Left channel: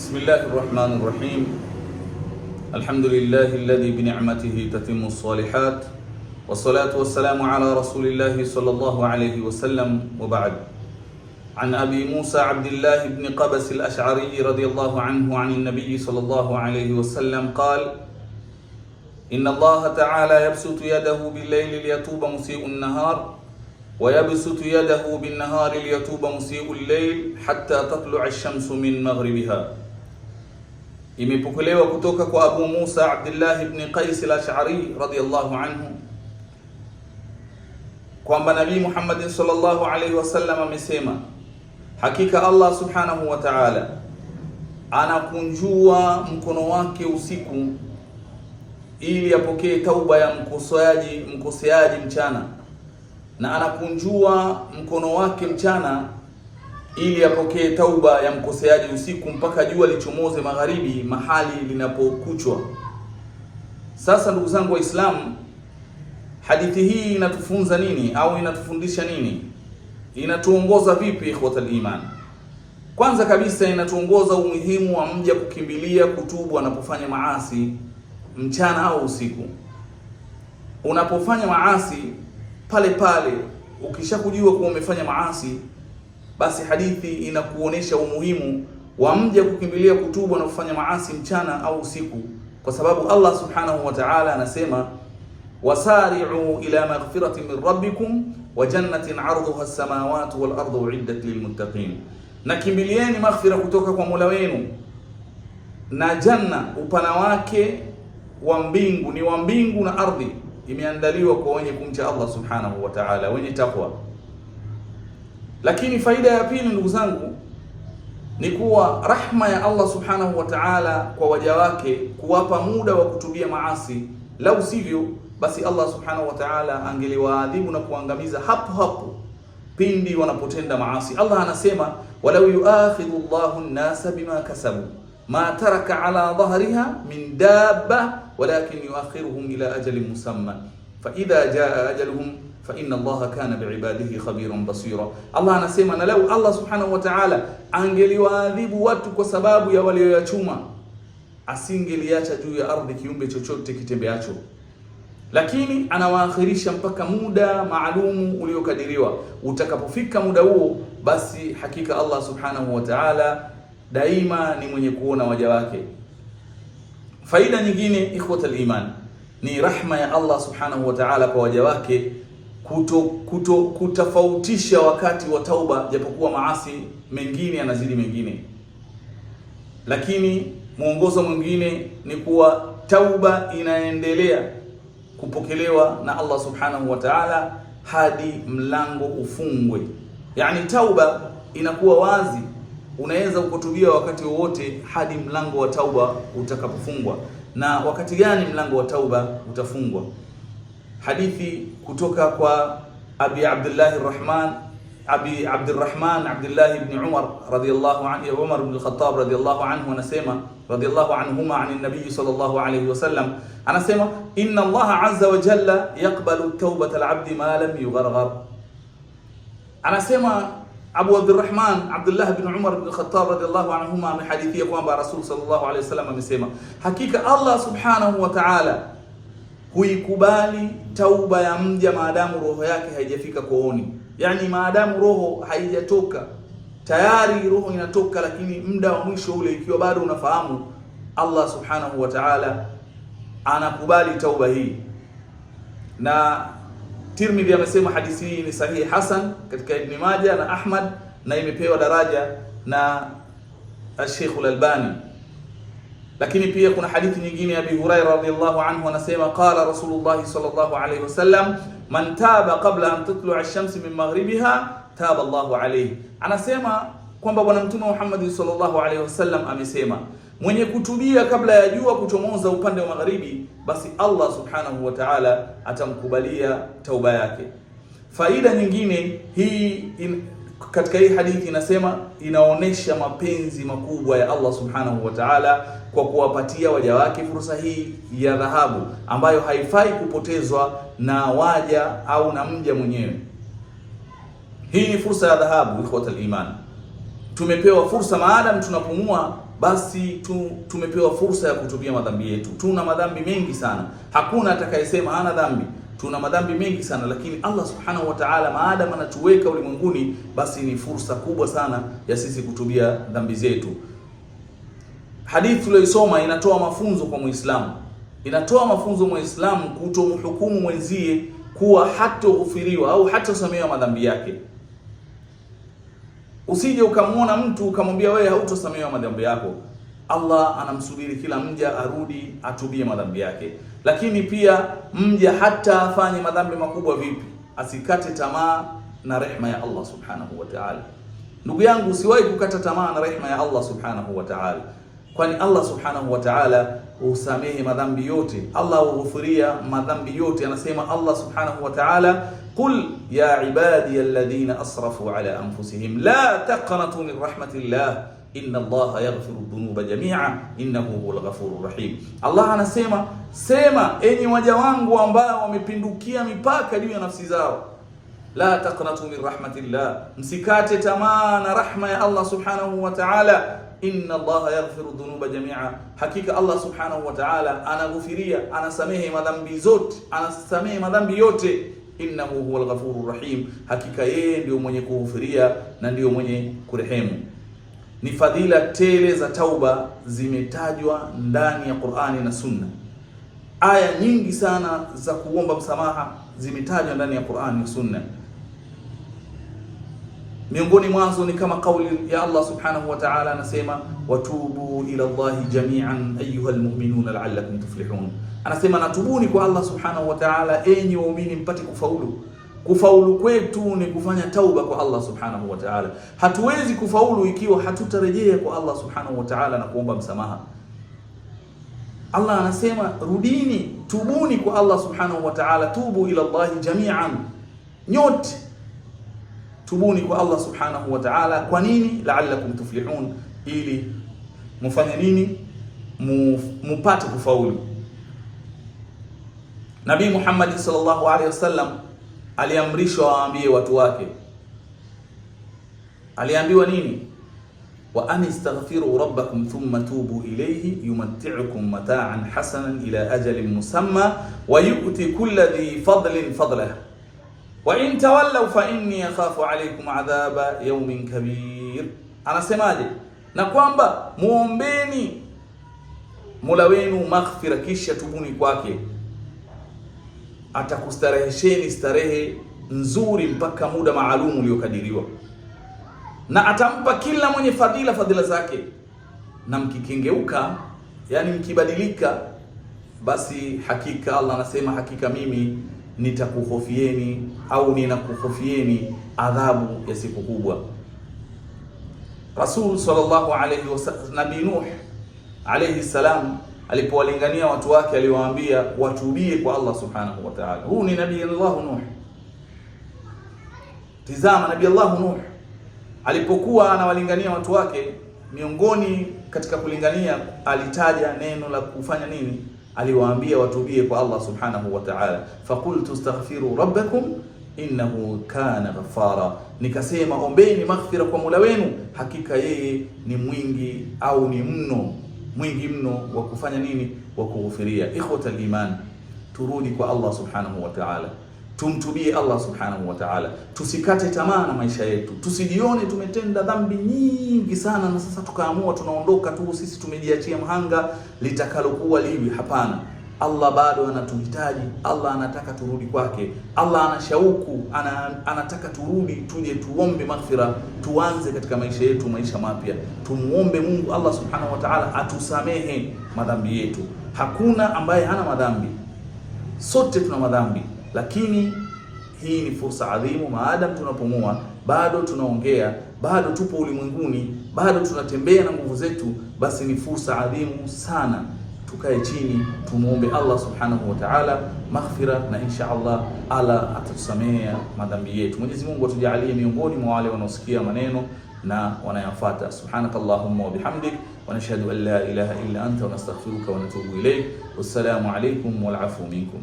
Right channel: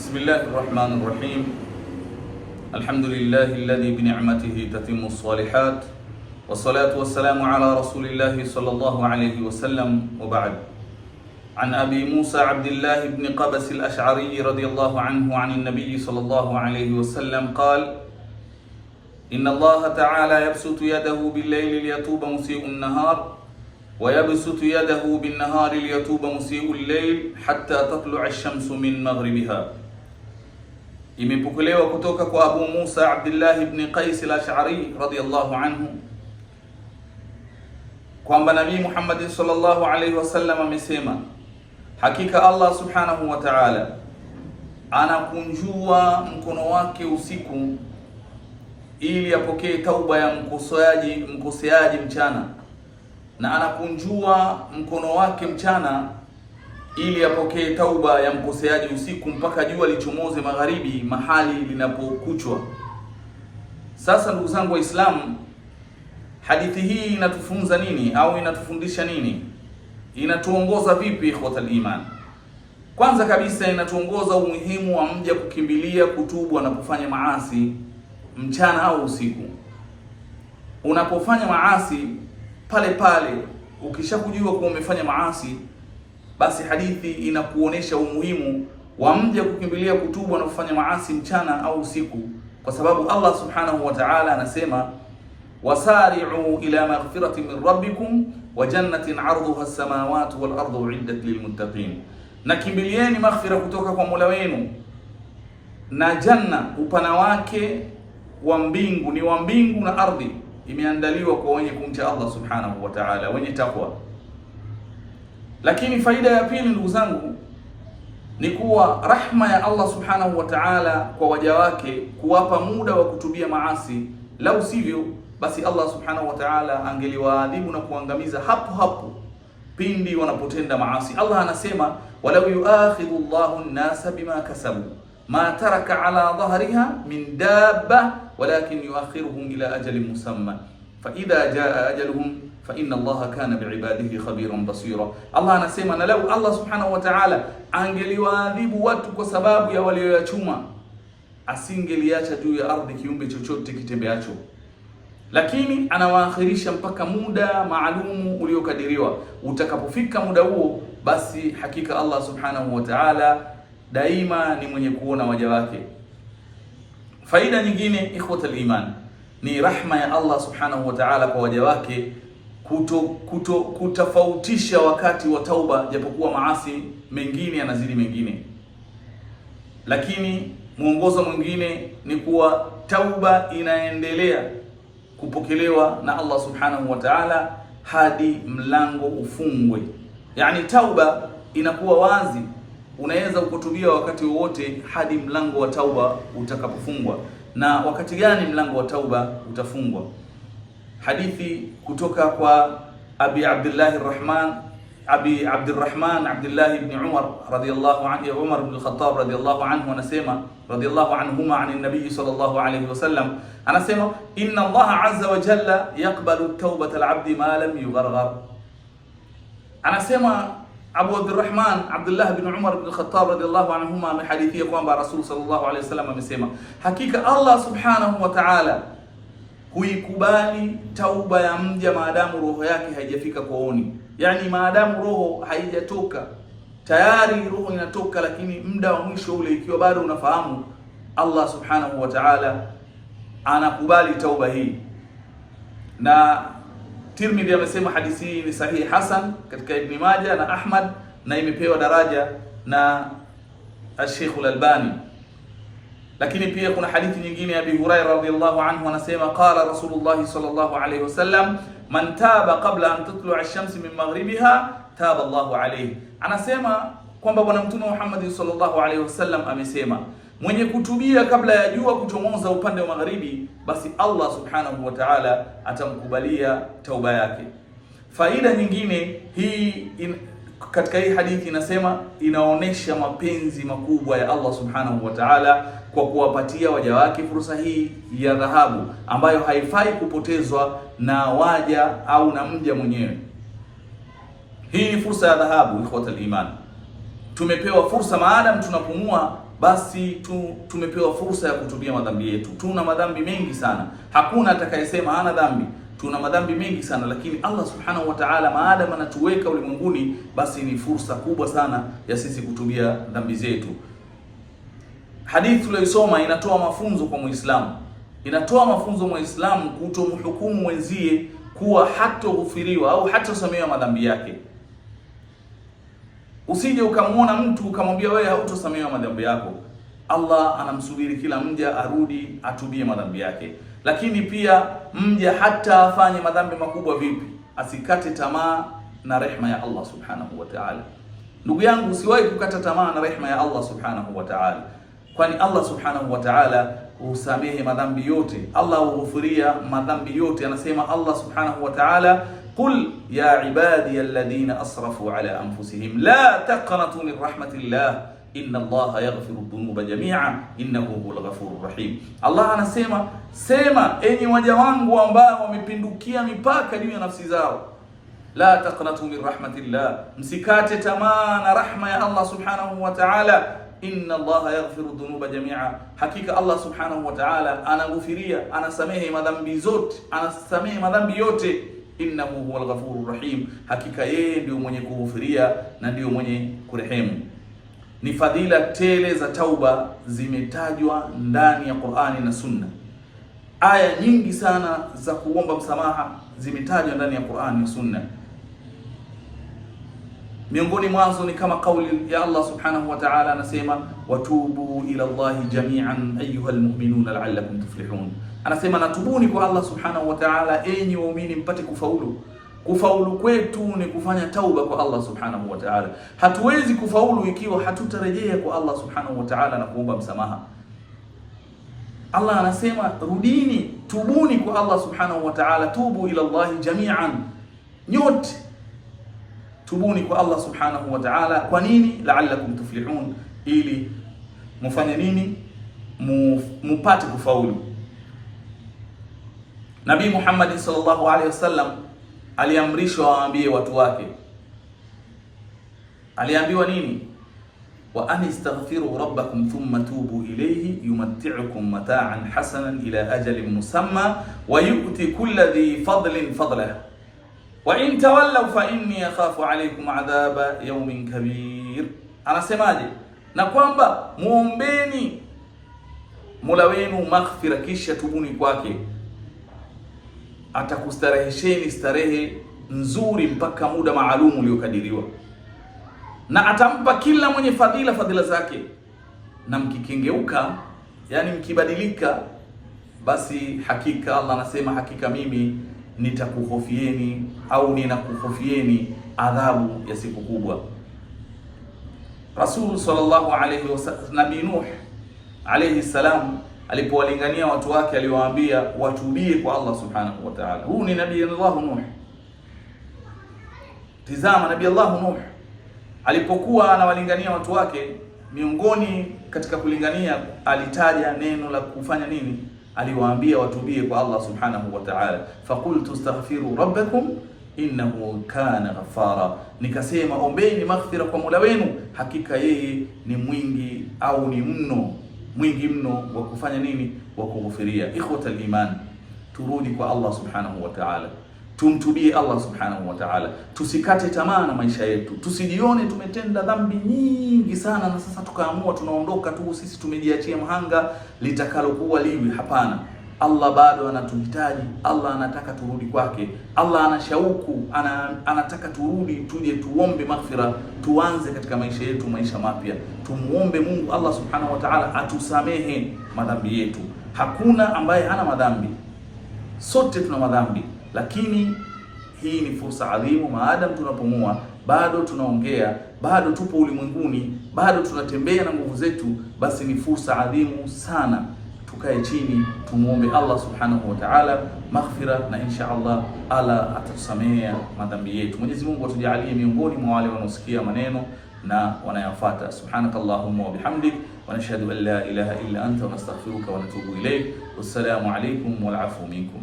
بسم الله الرحمن الرحيم. الحمد لله الذي بنعمته تتم الصالحات، والصلاة والسلام على رسول الله صلى الله عليه وسلم، وبعد. عن أبي موسى عبد الله بن قبس الأشعري رضي الله عنه عن النبي صلى الله عليه وسلم قال: إن الله تعالى يبسط يده بالليل ليتوب مسيء النهار، ويبسط يده بالنهار ليتوب مسيء الليل حتى تطلع الشمس من مغربها. Imepokelewa kutoka kwa Abu Musa Abdullah ibn Qais al-Ash'ari radiyallahu anhu kwamba Nabii Muhammad sallallahu alaihi wasallam amesema, hakika Allah subhanahu wa ta'ala anakunjua mkono wake usiku ili apokee tauba ya mkoseaji mchana, na anakunjua mkono wake mchana ili apokee tauba ya mkoseaji usiku mpaka jua lichomoze magharibi, mahali linapokuchwa. Sasa ndugu zangu Waislamu, hadithi hii inatufunza nini au inatufundisha nini? Inatuongoza vipi ikhwatal iman? Kwanza kabisa inatuongoza umuhimu wa mja kukimbilia kutubu anapofanya maasi mchana au usiku. Unapofanya maasi pale pale, ukishakujua kuwa umefanya maasi, basi hadithi inakuonesha umuhimu wa mja kukimbilia kutubu anapofanya maasi mchana au usiku, kwa sababu Allah subhanahu wa ta'ala anasema, wasari'u ila maghfiratin min rabbikum wa jannatin 'arduha as-samawati wal ardu u'iddat lilmuttaqin, na kimbilieni maghfira kutoka kwa Mola wenu na janna upana wake wa mbingu ni wa mbingu na ardhi, imeandaliwa kwa wenye kumcha Allah subhanahu wa ta'ala, wenye takwa. Lakini faida ya pili ndugu zangu ni kuwa rahma ya Allah subhanahu wa ta'ala kwa waja wake kuwapa muda wa kutubia maasi. Lau sivyo, basi Allah subhanahu wa ta'ala angeliwaadhibu na kuangamiza hapo hapo pindi wanapotenda maasi. Allah anasema, walau yuakhidhu Allahu an-nasa bima kasabu ma taraka ala dhahriha min dabba walakin yuakhiruhum ila ajalin musamma fa idha jaa ajaluhum fa inna Allaha kana biibadihi khabiran basira. Allah anasema, na lau Allah subhanahu wa ta'ala angeliwaadhibu watu kwa sababu ya walioyachuma, asingeliacha juu ya ardhi kiumbe chochote kitembeacho, lakini anawaakhirisha mpaka muda maalumu uliokadiriwa. Utakapofika muda huo, basi hakika Allah subhanahu wa ta'ala daima ni mwenye kuona waja wake. Faida nyingine ikhwatal iman ni rahma ya Allah subhanahu wa ta'ala kwa waja wake kutofautisha wakati wa tauba, japokuwa maasi mengine yanazidi mengine. Lakini mwongozo mwingine ni kuwa tauba inaendelea kupokelewa na Allah subhanahu wa ta'ala hadi mlango ufungwe. Yani tauba inakuwa wazi, unaweza kutubia wakati wowote hadi mlango wa tauba utakapofungwa. Na wakati gani mlango wa tauba utafungwa? Hadithi kutoka kwa Abi Abdullah Abdullah ibn Umar radiyallahu anhu, Umar ibn al-Khattab radiyallahu anhu anasema, radiyallahu anhuma an nabii sallallahu alayhi wasallam anasema, inna Allah azza wa jalla yaqbalu tawbata al-'abdi ma lam yugharghar. Anasema Abu Abdullah ibn Umar ibn al-Khattab radiyallahu anhuma amehadithia kwamba Rasul sallallahu alayhi wasallam amesema, hakika Allah subhanahu wa ta'ala huikubali tauba ya mja maadamu roho yake haijafika kooni. Yani maadamu roho haijatoka, tayari roho inatoka, lakini muda wa mwisho ule ikiwa bado unafahamu, Allah subhanahu wa ta'ala anakubali tauba hii. Na Tirmidhi amesema hadithi hii ni sahihi hasan katika Ibn Majah na Ahmad, na imepewa daraja na Sheikh al-Albani. Lakini pia kuna hadithi nyingine ya Abi Hurairah radhiyallahu anhu anasema, qala Rasulullah sallallahu alayhi wasallam, man taba qabla an tatlu'a ash-shams min maghribiha taba Allahu alayhi. Anasema kwamba bwana Mtume Muhammad sallallahu alayhi wasallam amesema, mwenye kutubia kabla ya jua kuchomoza upande wa magharibi, basi Allah subhanahu wa ta'ala atamkubalia tauba yake. Faida nyingine hii katika hii hadithi inasema, inaonesha mapenzi makubwa ya Allah subhanahu wa ta'ala kwa kuwapatia waja wake fursa hii ya dhahabu ambayo haifai kupotezwa na waja au na mja mwenyewe. Hii ni fursa ya dhahabu ikhwatal iman. Tumepewa fursa maadamu tunapumua basi tumepewa fursa ya kutubia madhambi yetu. Tuna madhambi mengi sana, hakuna atakayesema hana dhambi. Tuna madhambi mengi sana, lakini Allah subhanahu wa ta'ala maadamu anatuweka ulimwenguni, basi ni fursa kubwa sana ya sisi kutubia dhambi zetu. Hadithi tuliyosoma inatoa mafunzo kwa Muislamu, inatoa mafunzo Muislamu kutomhukumu mwenzie kuwa hatoghufiriwa au hatosamehewa madhambi yake. Usije ukamwona mtu ukamwambia wewe hautosamehewa madhambi yako. Allah anamsubiri kila mja arudi atubie madhambi yake. Lakini pia mja hata afanye madhambi makubwa vipi, asikate tamaa na rehema ya Allah subhanahu wa ta'ala. Ndugu yangu, usiwahi kukata tamaa na rehema ya Allah subhanahu wa ta'ala, kwani Allah subhanahu wa ta'ala husamehe madhambi yote. Allah hughufiria madhambi yote. Anasema Allah subhanahu wa ta'ala, qul ya ibadiy alladhina asrafu ala anfusihim la taqnatu min rahmatillah inna Allaha yaghfiru dhunuba jami'a innahu huwal ghafurur rahim. Allah anasema, sema enyi waja wangu ambao wamepindukia mipaka juu ya nafsi zao, la taqnatu min rahmatillah, msikate tamaa na rahma ya Allah subhanahu wa ta'ala. Inna Allaha yaghfiru dhunuba jami'a, hakika Allah subhanahu wa ta'ala anaghufiria, anasamehe madhambi zote, anasamehe madhambi yote. Innahu huwal ghafurur rahim, hakika yeye ndio mwenye kughufiria na ndio mwenye kurehemu. Ni fadhila tele za tauba zimetajwa ndani ya Qur'ani na Sunna. Aya nyingi sana za kuomba msamaha zimetajwa ndani ya Qur'ani na Sunna. Miongoni mwazo ni kama kauli ya Allah subhanahu wa ta'ala, anasema watubu ila Allahi jami'an ayyuhal mu'minuna la'allakum tuflihun. Anasema natubuni kwa Allah subhanahu wa ta'ala enyi waumini mpate kufaulu. Kufaulu kwetu ni kufanya tauba kwa Allah subhanahu wa ta'ala. Hatuwezi kufaulu ikiwa hatutarejea kwa Allah subhanahu wa ta'ala na kuomba msamaha. Allah anasema rudini, tubuni kwa Allah subhanahu wa ta'ala, tubu ila Allahi jami'an, nyote tubuni kwa Allah subhanahu wa ta'ala. Kwa nini? La'allakum tuflihun, ili mufanye nini? Mupate kufaulu. Nabii Muhammad sallallahu alaihi wasallam aliamrishwa awaambie watu wake, aliambiwa nini? wa anistaghfiru rabbakum thumma tubu ilayhi yumatti'ukum mata'an hasanan ila ajalin musamma wa yu'ti kulli dhi fadlin fadlahu wa in tawallaw fa inni akhafu alaykum adhaba yawmin kabir. Anasemaje? Na kwamba muombeni Mola wenu maghfira, kisha tubuni kwake, atakustarehesheni starehe nzuri mpaka muda maalum uliokadiriwa, na atampa kila mwenye fadhila zake. Na mkikengeuka, yani mkibadilika, basi hakika Allah anasema, hakika mimi nitakuhofieni au ninakuhofieni adhabu ya siku kubwa. Rasul sallallahu alayhi wasallam, Nabii Nuh alayhi salam, alipowalingania watu wake aliwaambia watubie kwa Allah subhanahu wa ta'ala. Huu ni Nabii Allah Nuh. Tizama, Nabii Allah Nuh alipokuwa anawalingania watu wake, miongoni katika kulingania alitaja neno la kufanya nini? Aliwaambia watubie kwa Allah subhanahu wa ta'ala. Faqultu astaghfiru rabbakum innahu kana ghaffara, nikasema ombeni maghfira kwa Mola wenu, hakika yeye ni mwingi au ni mwingi mno wa kufanya nini? Wa kughufiria. Ikhwatal iman, turudi kwa Allah subhanahu wa ta'ala, tumtubie Allah subhanahu wa ta'ala, tusikate tamaa na maisha yetu, tusijione tumetenda dhambi nyingi sana na sasa tukaamua tunaondoka tu sisi tumejiachia mhanga litakalokuwa liwi. Hapana, Allah bado anatuhitaji, Allah anataka turudi kwake, Allah ana shauku, anataka turudi, tuje tuombe maghfira, tuanze katika maisha yetu maisha mapya. Tumuombe Mungu Allah subhanahu wa ta'ala atusamehe madhambi yetu. Hakuna ambaye hana madhambi, sote tuna madhambi, lakini hii ni fursa adhimu. Maadamu tunapumua, bado tunaongea, bado tupo ulimwenguni, bado tunatembea na nguvu zetu, basi ni fursa adhimu sana. Tukae chini, tumuombe Allah subhanahu wa ta'ala maghfira, na insha Allah atatusamea madhambi yetu. Mwenyezi Mungu atujalie miongoni mwa wale wanaosikia maneno na wanayafuata. Subhanakallahumma wa bihamdik wa nashhadu an la ilaha illa anta wa nastaghfiruka wa natubu ilayk. Wassalamu alaykum wal afu minkum.